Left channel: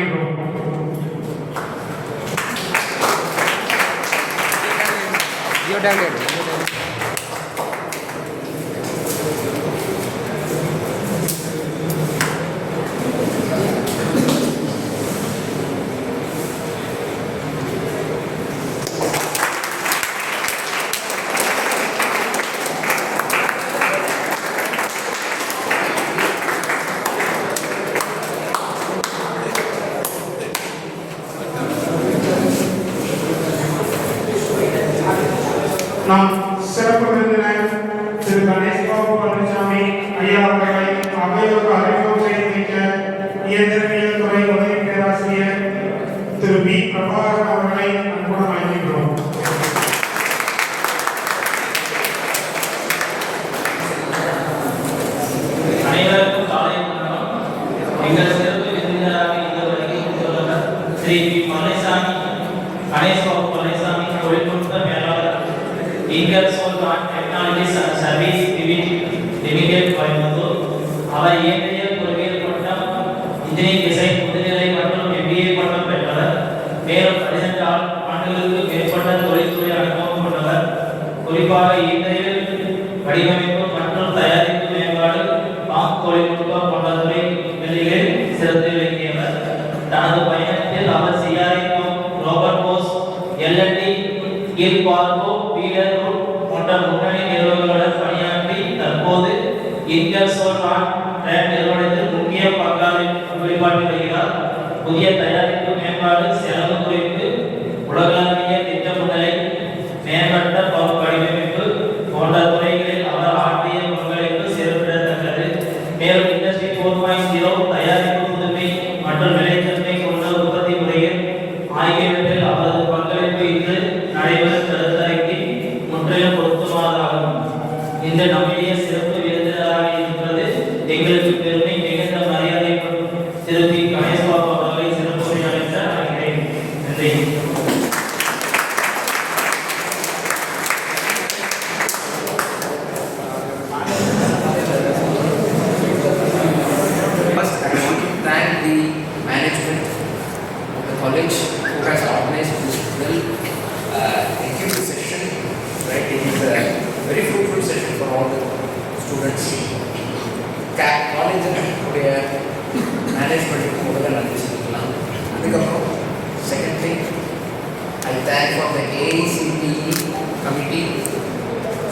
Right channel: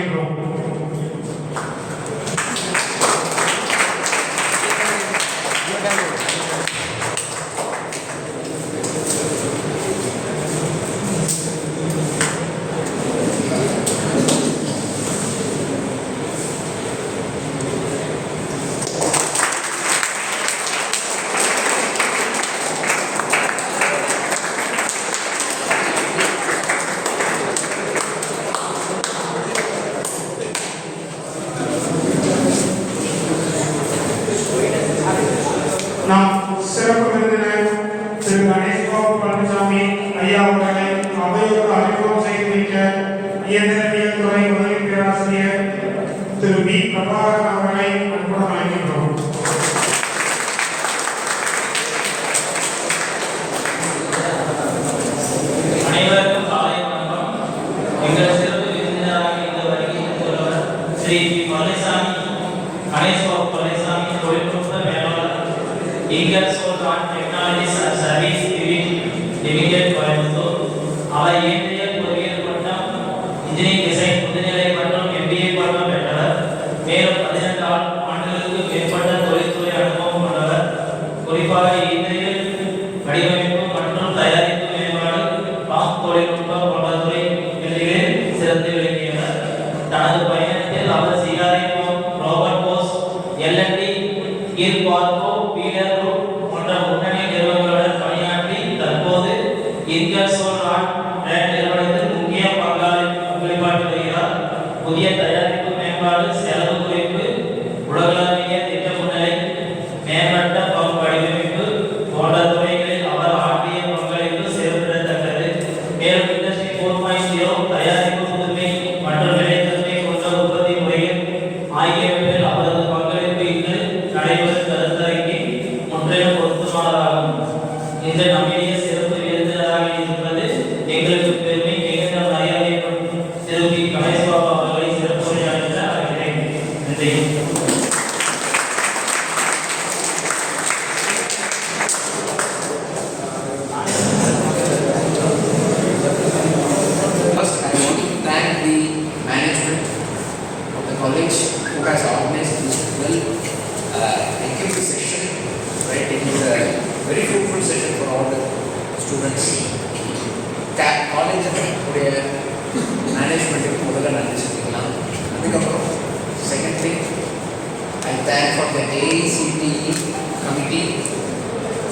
அழைக்கின்றோம். நாம் சிறப்பு விருந்தினர் திரு கணேஷ்பாபு பழனிசாமி ஐயா அவர்களை அவையோடு அறிமுகம் செய்து வைக்க இயந்திரவியல் துறை உதவி பேராசிரியர் திரு பி பிரபாகரன் அவர்களை அன்புடன் அழைக்கின்றோம். அனைவருக்கும் காலை வணக்கம். எங்கள் சிறப்பு விருந்தினராக இந்த வருகை ஸ்ரீ பழனிசாமி கணேஷ்பாபு பழனிசாமி தொழில்நுட்ப மேலாளர் இன்கல்சோல் technologies and service limited Coimbatore. அவர் இயந்திரியல் பொறியியல் பட்டம், இன்ஜினியரிங் டிசைன் முதுநிலை மற்றும் MBA பட்டம் பெற்றவர். மேலும் 15 ஆண்டுகளுக்கு மேற்பட்ட தொழில்துறை அனுபவம் கொண்டவர். குறிப்பாக இயந்திரியல் வடிவமைப்பு மற்றும் தயாரிப்பு மேம்பாடு, தொழில்நுட்பம் போன்ற துறைகளில் சிறந்து விளங்கியவர். தனது பயணத்தில் அவர் CRI ரோபர்ட் போஸ், L&T, கீழ்பார்க்கோ, பீலர் குரூப் போன்ற முன்னணி நிறுவனங்களுடன் பணியாற்றி தற்போது இன்கல்சோல் நிறுவனத்தில் முக்கிய பங்களிப்பாற்றி வருகிறார். புதிய தயாரிப்பு மேம்பாடு, செலவு குறைப்பு, உலகளாவிய திட்டமிடலை, மேம்பட்ட வடிவமைப்பு போன்ற துறைகளில் அவர் ஆற்றிய பங்களிப்பு சிறப்பிடத்தக்கது. மேலும் இண்டஸ்ட்ரி 4.0 தயாரிப்பு புதுமை மற்றும் விளைச்சலை கொண்ட உற்பத்தி முறையில் ஆகியவற்றில் அவரது பங்களிப்பு இன்று நடைபெறும் கருத்தரங்கி முற்றிலும் பொருத்தமானதாகும். இந்த நம்முடைய சிறப்பு விருந்தினராக இருப்பது எங்களுக்கு பெருமை மிகுந்த மரியாதை. திரு பி கணேஷ்பாபு அவர்களை சிறப்பு உரையாற்ற அழைக்கிறேன். நன்றி. First, I want to thank the management of the college who has organized this well-equipped session. Right, it is a very fruitful session for all the students. College உடைய மேனேஜ்மெண்ட்டுக்கு முதல்ல நன்றி சொல்லிக்கலாம். அதுக்கப்புறம் second thing, I thank for the AICTE committee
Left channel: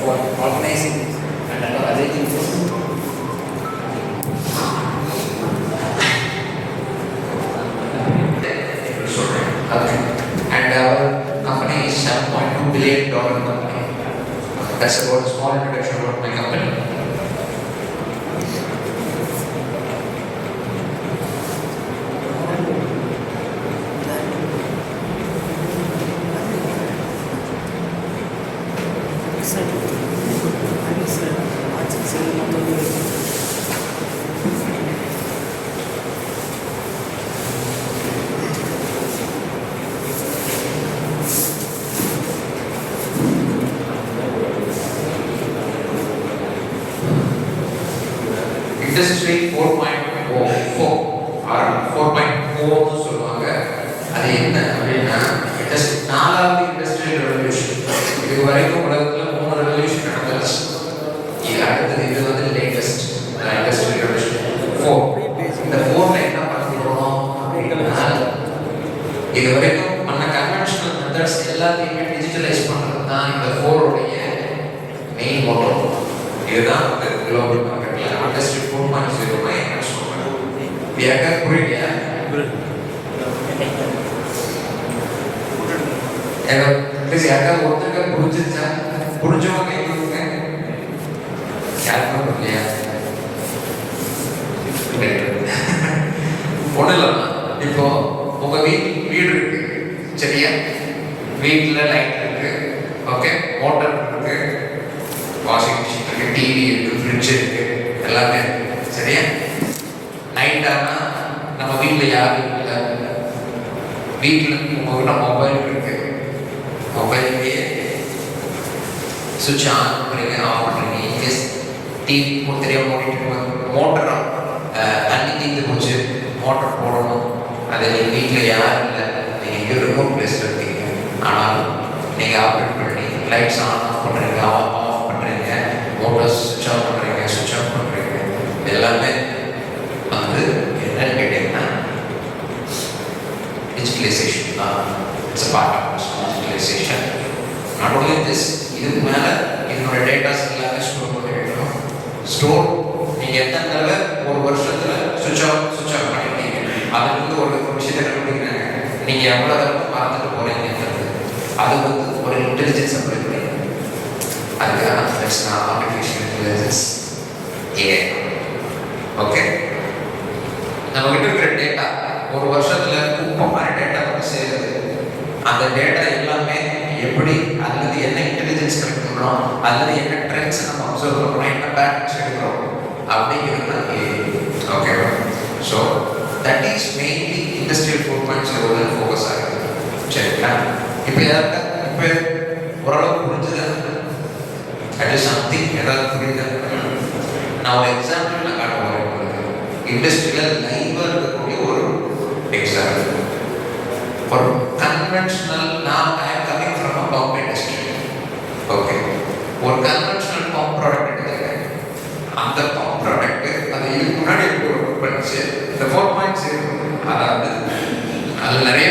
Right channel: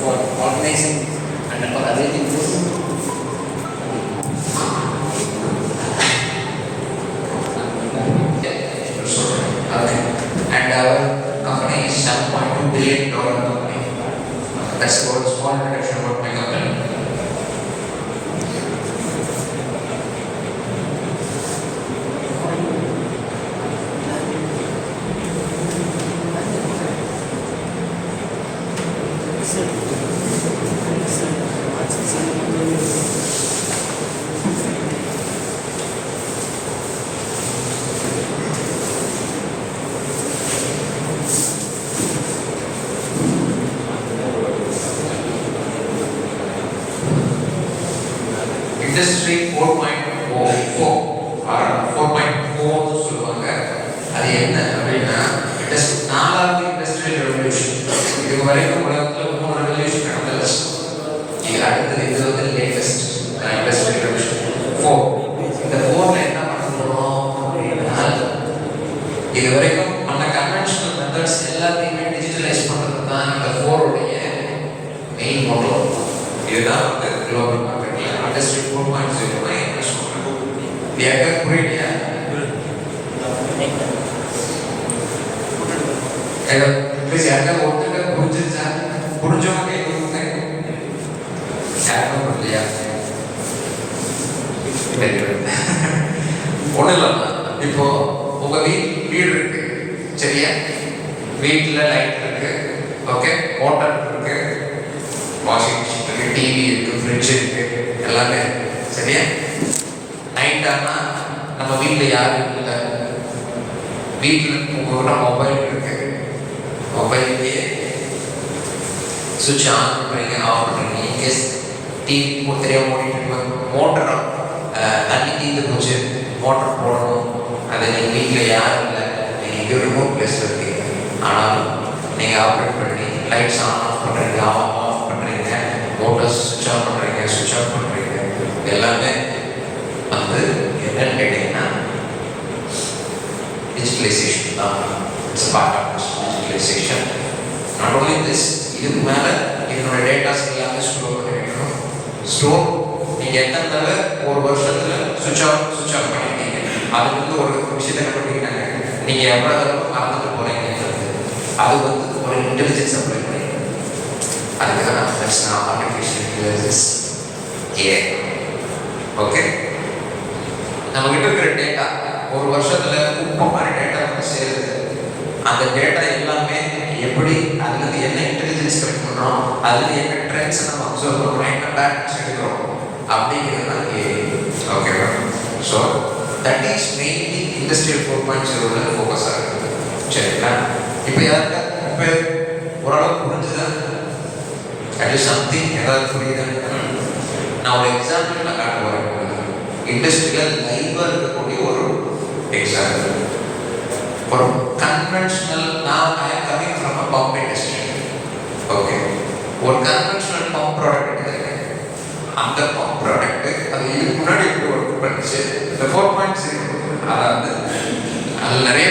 for organizing and for arranging this. And our company is $7.2 billion company. That's about a small introduction about my company. Industry 4.04 or 4.4 சொல்லுவாங்க. அது என்ன அப்படின்னா நாலாவது இண்டஸ்ட்ரியல் ரெவல்யூஷன். இது வரைக்கும் உலகத்தில் 3 revolution நடந்துச்சு. இது அடுத்தது, இது வந்து லேட்டஸ்ட் இண்டஸ்ட்ரியல் ரெவல்யூஷன் 4. இந்த 4ல என்ன பண்ண போறோம் அப்படின்னா, இது வரைக்கும் பண்ண கன்வென்ஷனல் மெத்தட்ஸ் எல்லாத்தையுமே டிஜிட்டலைஸ் பண்றது தான் இந்த 4 உடைய மெயின் மோட்டோ. இதுதான் வந்து குளோபல் மார்க்கெட்ல இண்டஸ்ட்ரி 4.0 என்ன சொல்றாங்க. இது யாருக்கா புரியலையா? யாருக்கா ஒருத்தருக்கா புரிஞ்சிருச்சா? புரிஞ்சவங்க கேட்குறதுங்க யாருக்கா புரியலையா? ஒன்றும் இல்லைம்மா, இப்போ உங்க வீடு இருக்கு சரியா? வீட்டில் லைட் இருக்கு, ஓகே, மோட்டர் இருக்கு, வாஷிங் மிஷின் இருக்கு, டிவி இருக்கு, ஃப்ரிட்ஜ் இருக்கு, எல்லாமே இருக்கு சரியா? நைட் ஆனால் நம்ம வீட்டில் யாரும் இல்லை, வீட்டில் உங்ககிட்ட மொபைல் இருக்கு, மொபைல்லையே சுவிட்ச் ஆன் பண்ணுறீங்க, ஆஃப் பண்ணுறீங்க. இன்கேஸ் டிவி தெரியாமல் ஓடிட்டு மோட்டர் தண்ணி தீர்ந்து போச்சு, மோட்டர் போடணும், அது வீட்டில் யாரும் இல்லை, நீங்கள் எங்கேயும் ரிமோட் பிளேஸில் இருக்கீங்க, ஆனாலும் நீங்கள் ஆப்ரேட் பண்ணி லைட்ஸ் ஆன் ஆஃப் பண்ணுறீங்க, ஆஃப் பண்ணுறீங்க, மோட்டர்ஸ் சுவிட்ச் ஆஃப் பண்ணுறீங்க, சுவிட்ச் ஆஃப் பண்ணுறீங்க. எல்லாமே வந்து என்னன்னு கேட்டிங்கன்னா டிஜிட்டலைசேஷன் தான். It's part of digitalisation. Not only this, இதுக்கு மேலே இதனோட டேட்டாஸ் எல்லாமே ஸ்டோர் பண்ணி வைக்கணும். ஸ்டோர் நீங்கள் எத்தனை தடவை ஒரு வருஷத்தில் சுவிட்ச் ஆஃப் பண்ணிட்டீங்க, அதுலேருந்து ஒரு விஷயத்தை கண்டுபிடிக்கிறாங்க, நீங்கள் எவ்வளோ தடவை மறந்துட்டு போகிறீங்கன்றது. அது வந்து ஒரு இன்டெலிஜென்ஸ் அப்ளை பண்ணி அதுக்காக நான் ஆர்டிஃபிஷியல் இன்டெலிஜென்ஸ் ஏஐ. ஓகே, நம்மகிட்ட இருக்கிற டேட்டா ஒரு வருஷத்தில் குப்பை மாதிரி டேட்டா வந்து சேருது. அந்த டேட்டா எல்லாமே எப்படி, அதுலேருந்து என்ன இன்டெலிஜென்ஸ் கலெக்ட் பண்ணுறோம், அதுலேருந்து என்ன ட்ரெண்ட்ஸ் நம்ம அப்சர்வ் பண்ணுறோம், என்ன பேட்டர்ன்ஸ் எடுக்கிறோம் அப்படிங்கிறது தான் ஏஐ. ஓகேவா? So that is mainly industrial 4.0 focus ஆகுது. சரிங்களா? இப்போ யாருக்கா இப்போ ஓரளவு புரிஞ்சுதான் அது சம்திங் ஏதாவது புரியுதா? நான் ஒரு எக்ஸாம்பிள் நான் காட்ட போகிறேன். இண்டஸ்ட்ரியல் லைவாக இருக்கக்கூடிய ஒரு எக்ஸாம்பிள். ஒரு கன்வென்ஷனல், நான் I am coming from a pump industry. Okay, ஒரு கன்வென்ஷனல் பம்ப் ப்ராடக்ட் எடுத்துக்கிறேன். அந்த பம்ப் ப்ராடக்ட் அது இதுக்கு முன்னாடி எப்படி ஒர்க் பண்ணிச்சு, இந்த 4.0 அதாவது அதில் நிறைய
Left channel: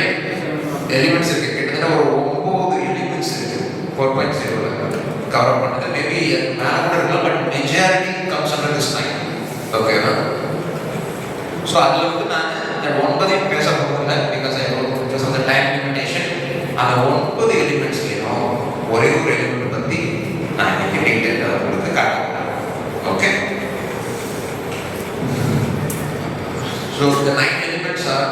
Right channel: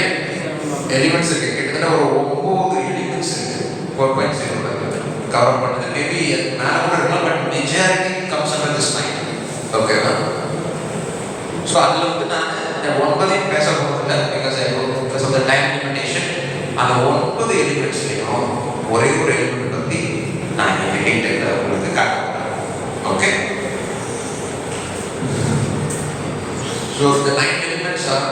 எலிமெண்ட்ஸ் இருக்குது. கிட்டத்தட்ட ஒரு 9 எலிமெண்ட்ஸ் இருக்குது 4.0 கவர் பண்ணுது. மேபி மேலே கூட இருக்கலாம், but majority comes under this line. ஓகேவா? ஸோ அதில் வந்து நான் இந்த 9 பேச போகிறதில்ல, because because of the time limitation. அந்த 9 எலிமெண்ட்ஸ்லையும் ஒரே ஒரு எலிமெண்ட் பற்றி நான் இங்கே டீட்டெயிலாக உங்களுக்கு காட்டுறேன். Okay, so the 9 elements are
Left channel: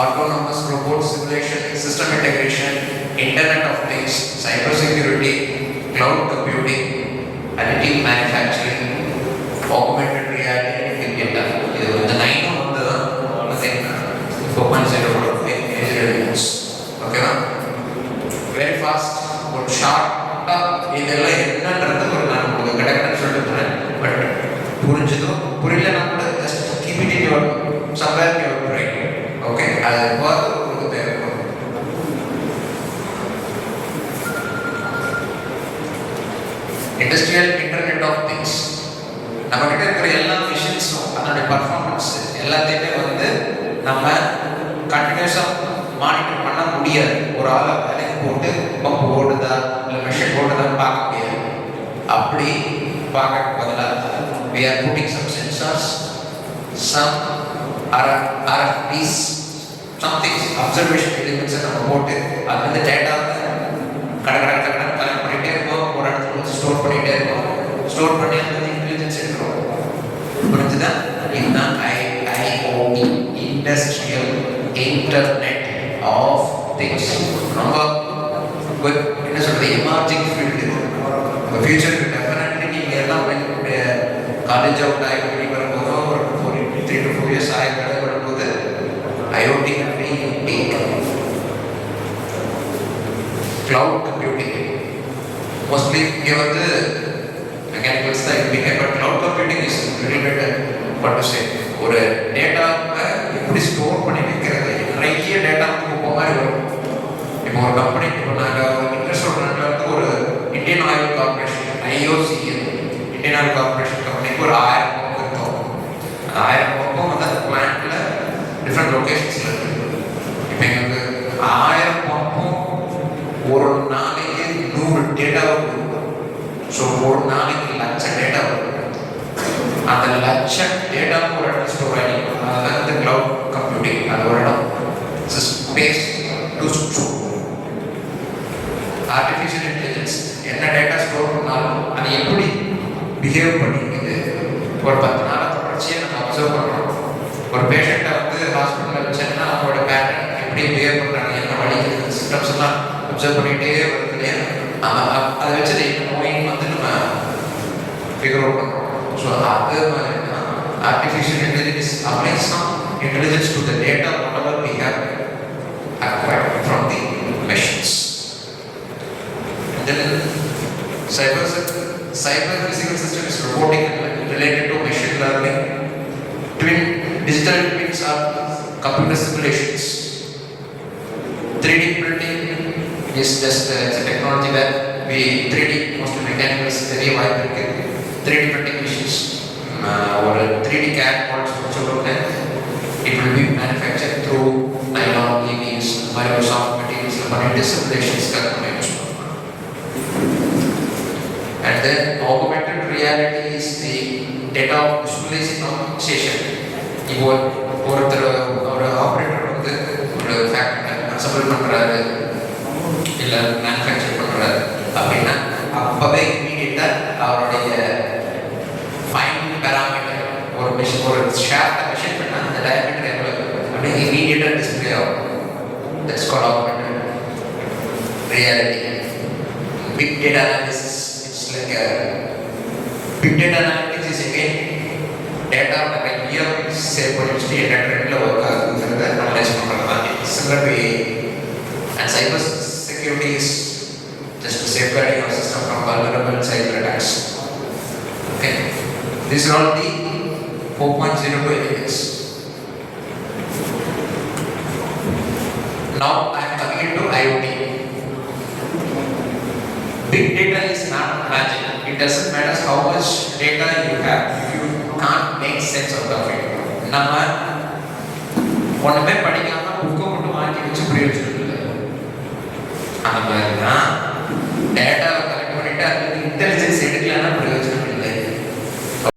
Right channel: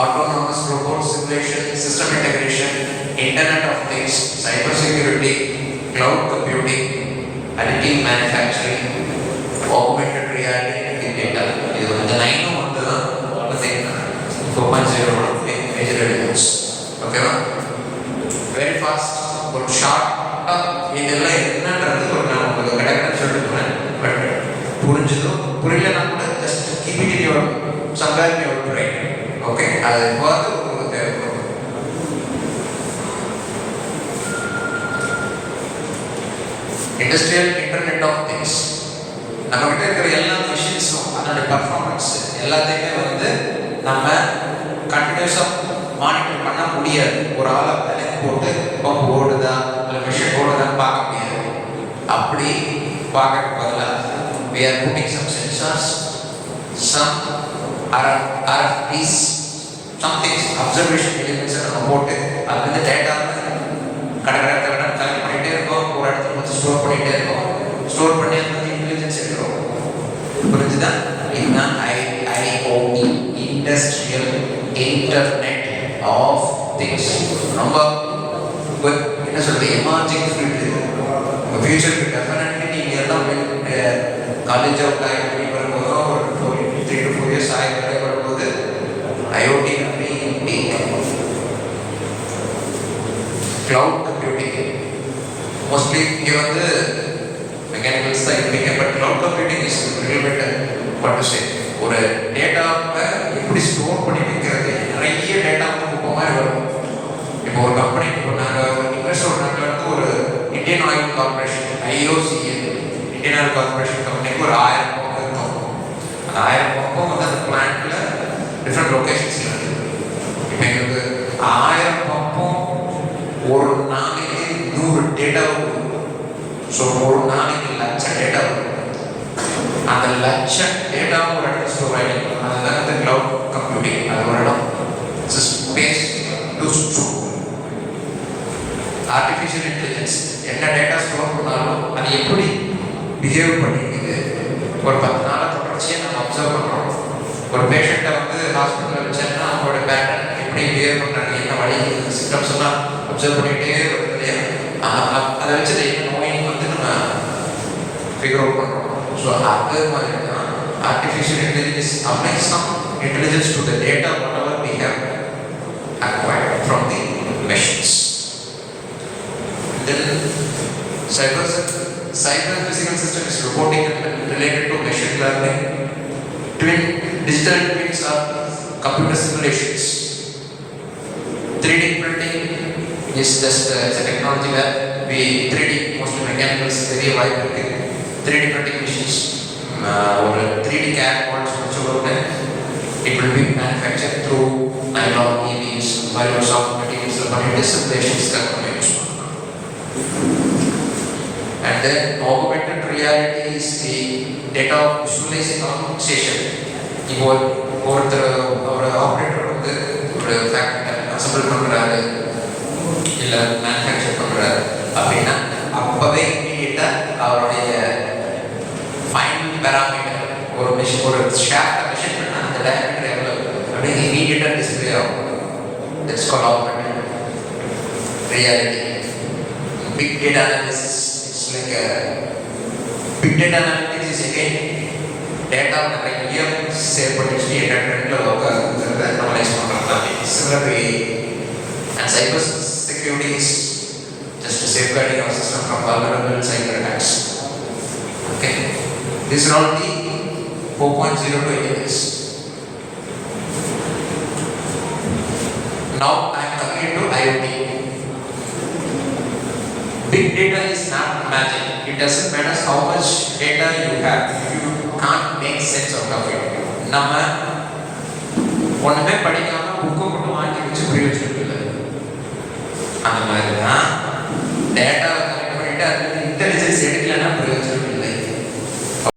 autonomous robot simulation, system integration, internet of things, cyber security, cloud computing, additive manufacturing, augmented reality, big data. இது இந்த 9 வந்து வந்து 4.0 major elements. ஓகேவா? வெரி ஃபாஸ்ட் ஒரு ஷார்ட்டாக இதெல்லாம் என்னன்றது ஒரு நான் உங்களுக்கு கடற்கரை சொல்லிட்டு போகிறேன். பட் புரிஞ்சதோ புரியலன்னா கூட just keep it in your somewhere in your brain. Okay, அது பார்த்து உங்களுக்கு தேவைப்படும். Industrial internet of things. நம்மகிட்ட இருக்கிற எல்லா மிஷின்ஸும் அதனுடைய பர்ஃபார்மன்ஸ் எல்லாத்தையுமே வந்து நம்ம கண்டினியூஸாக மானிட்டர் பண்ண முடியாது. ஒரு ஆளை வேலைக்கு போட்டு பம்ப் ஓடுதா இல்லை மிஷின் ஓடுதான்னு பார்க்க முடியாது. அப்படி பார்க்க பதிலாக we are putting some sensors, some RFPs, some things, observation elements நம்ம போட்டு அது வந்து டேட்டா கலெக்ட் பண்ணிகிட்டே இருக்கோம். ஒரு இடத்துல வந்து ஸ்டோர் பண்ணிகிட்டே இருக்கோம். ஸ்டோர் பண்ணி வந்து இன்டெலிஜென்ஸ் எடுக்கிறோம். புரிஞ்சுதா? இதுதான் IIoT, industrial internet of things. ரொம்ப என்ன சொல்கிறது, எமர்ஜிங் ஃபீல்டு. உங்கள் ஃபியூச்சருக்கு டெஃபினெட்லி நீங்கள் எல்லாம் காலேஜ் அவுட் ஆகி வரும்போதோ ஒரு 3 to 4 years ஆகி வரும்போது ஐஓடி கிளவுட் கம்ப்யூட்டிங் மோஸ்ட்லி இங்கே வந்து மெக்கானிக்கல்ஸ் தான் இருப்பீங்க. But cloud computing is little bit what to say, ஒரு டேட்டாவை எப்படி ஸ்டோர் பண்ணி வைக்கிறது. நிறைய டேட்டா வந்து இப்போ மாதிரி வரும். இப்போ ஒரு கம்பெனி, இப்போ நாங்கள் இன்வெஸ்டோட வந்து ஒரு Indian oil corporation, IOCL Indian oil corporation கம்பெனிக்கு ஒரு 1000 பம்ப் இருக்கும். அந்த 1000 பம்பும் வந்து அந்த பிளான்ட்ல டிஃப்ரெண்ட் லொக்கேஷன்ஸில் இருக்குது. இப்போ எங்களுக்கு 1000 பம்பும் ஒரு நாளைக்கு 100 டேட்டா வரும். ஸோ ஒரு நாளைக்கு 1,00,000 டேட்டா வரும். அந்த 1,00,000 டேட்டாவும் ஒரு இடத்துல ஸ்டோர் ஆகிடும். அதுதான் வந்து கிளவுட் கம்ப்யூட்டிங். அது ஒரு இடம் space to store. Artificial intelligence என்ன டேட்டா ஸ்டோர் பண்ணாலும் அது எப்படி பிஹேவ் பண்ணிக்குது. ஒரு 10 நாளை தொடர்ச்சியாக நம்ம அப்சர்வ் பண்ணுறோம். ஒரு பேஷண்ட்டை வந்து ஹாஸ்பிட்டலில் வச்சோன்னா அவங்களோட பேட்டர்ன் எப்படி பிஹேவ் பண்ணுறாங்க, என்ன வழி சிம்டம்ஸ் எல்லாம் அப்சர்வ் பண்ணிகிட்டே வருது இல்லையா? அதை வச்சு என்ன நோயின்னு வந்து நம்ம ஃபிகர் அவுட் பண்ணுறோம். ஸோ அது மாதிரி தான் artificial intelligence applying some intelligence to the data whatever we have acquired from the machines. Then cyber physical system is robotic and related to machine learning. Digital twins are computer simulations. 3D printing is just it's a technology where we 3D mostly mechanical பெரிய வாய்ப்பு இருக்கு. 3D printing machines ஒரு 3D CAD models வச்சுக்கொண்டு it will be manufactured through nylon, EVs, soft materials பண்ணிட்டு simulations நம்ம use பண்ணலாம். And then augmented reality is the data visualization. இப்போ ஒருத்தர் ஒரு ஆப்ரேட்டர் வந்து ஒரு ஃபேக்டரி அசம்பிள் பண்ணுறாரு இல்லை மேனுஃபேக்சர் பண்ணுறாரு அப்படின்னா அப்போவே இமீடியட்டாக அவருடைய ஃபைன் பேராமீட்டர் ஒரு மெஷின் ஒரு ஷாஃப்டை மெஷர் பண்ணால் அந்த டயமீட்டர் எவ்வளோ அப்படியே இமீடியட்டாக டிஸ்பிளே ஆகும். That's called augmented reality. Big data analysis it's like big data analytics is again data நிறைய சேவ் பண்ணி வச்சுட்டு என்டர்டெயின்மெண்ட்டில் ஒர்க் ஆகுதுங்கிறத அனலைஸ் பண்ணுற மாதிரி. Similar to and cyber security is just safeguarding our system from vulnerable cyber attacks. Okay, these are all the 4.02 areas. Now I am coming into IoT. Big data is not magic. It doesn't matter how much data you have if you can't make sense out of it. நம்ம ஒன்றுமே படிக்காம புக்கை மட்டும் வாங்கி வச்சு பிரயோஜனம் இல்லை. அந்த மாதிரி தான் டேட்டாவை கலெக்ட் பண்ணிட்டு அதில் இன்டெலிஜென்ஸ் எடுக்கலைன்னா பிரயோஜனம்